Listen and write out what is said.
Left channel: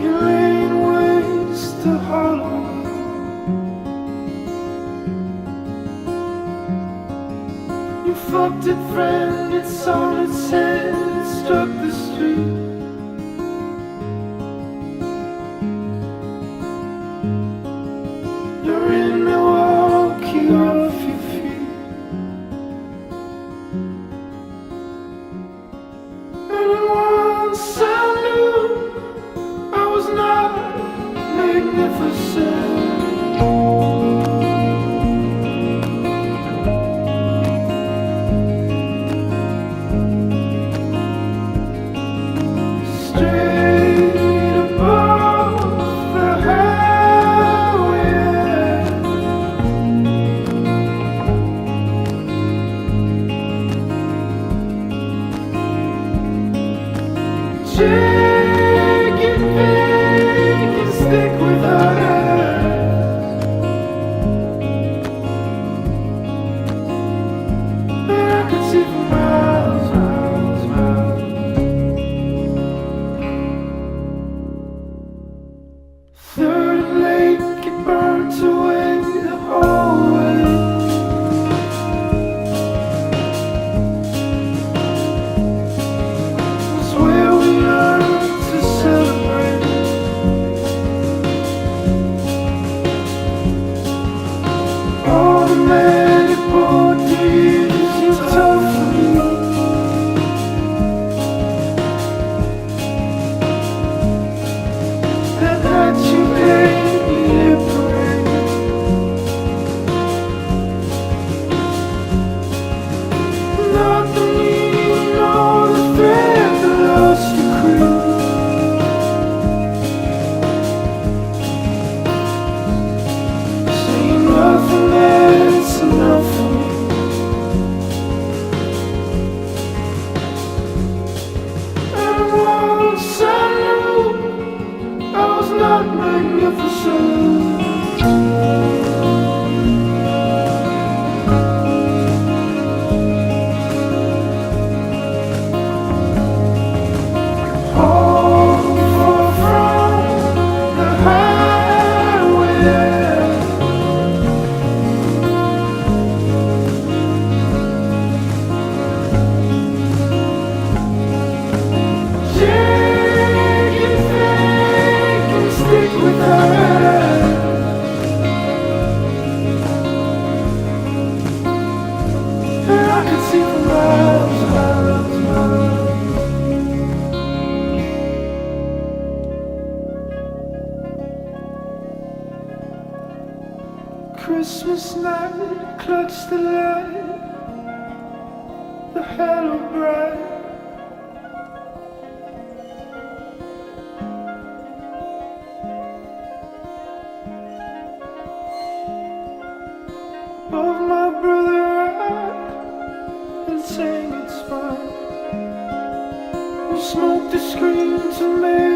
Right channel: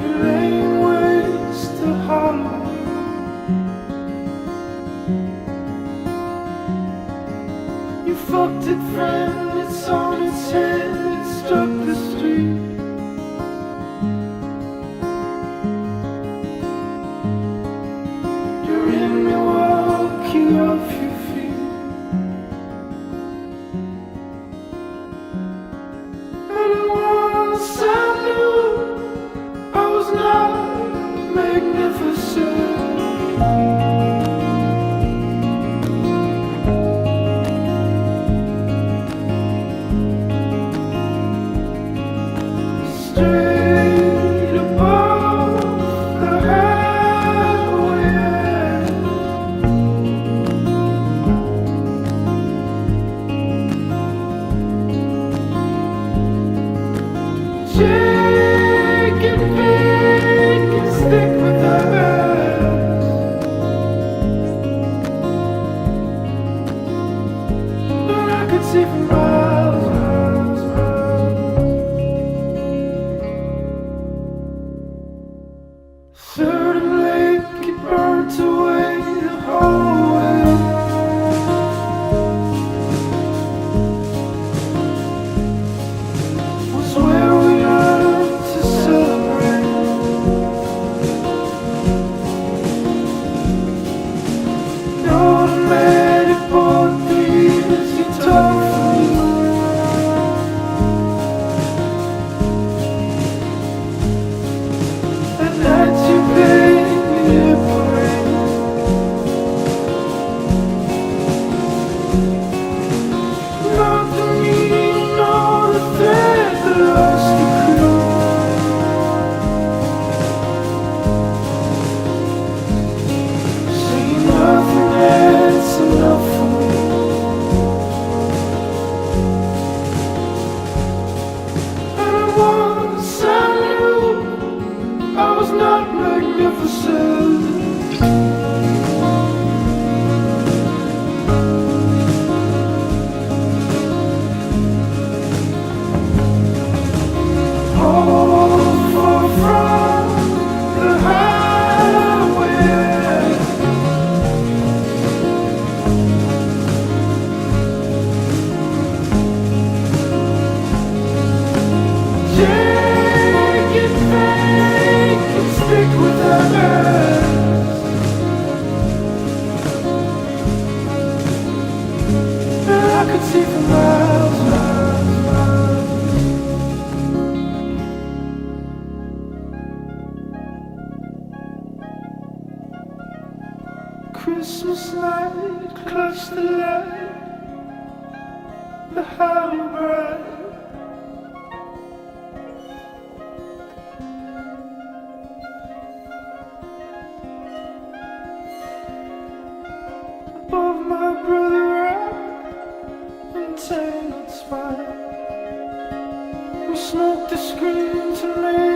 You're laying waste to hollow. You fucked it, friend, it's on its head, it struck the street. You're in Milwaukee off your feet. And once I knew I was not magnificent. Straight above the highway, Jake and Vic can stick with us, but I could see for miles, miles, miles. Third and Lake, it burnt away the whole way. Was where we learned to celebrate. Automatic portraits, you told me. That night you made me liberate. Not the meaning nor the thread that lost the crew. See nothing that's enough for me. And once I knew I was not magnificent. All far from the highway. Jake and Vic can stick with us, and I could see for miles, miles, miles. Christmas night, clutch the light, the hollow bright. Above my brother right, and tangled spine. We smoked the screen to make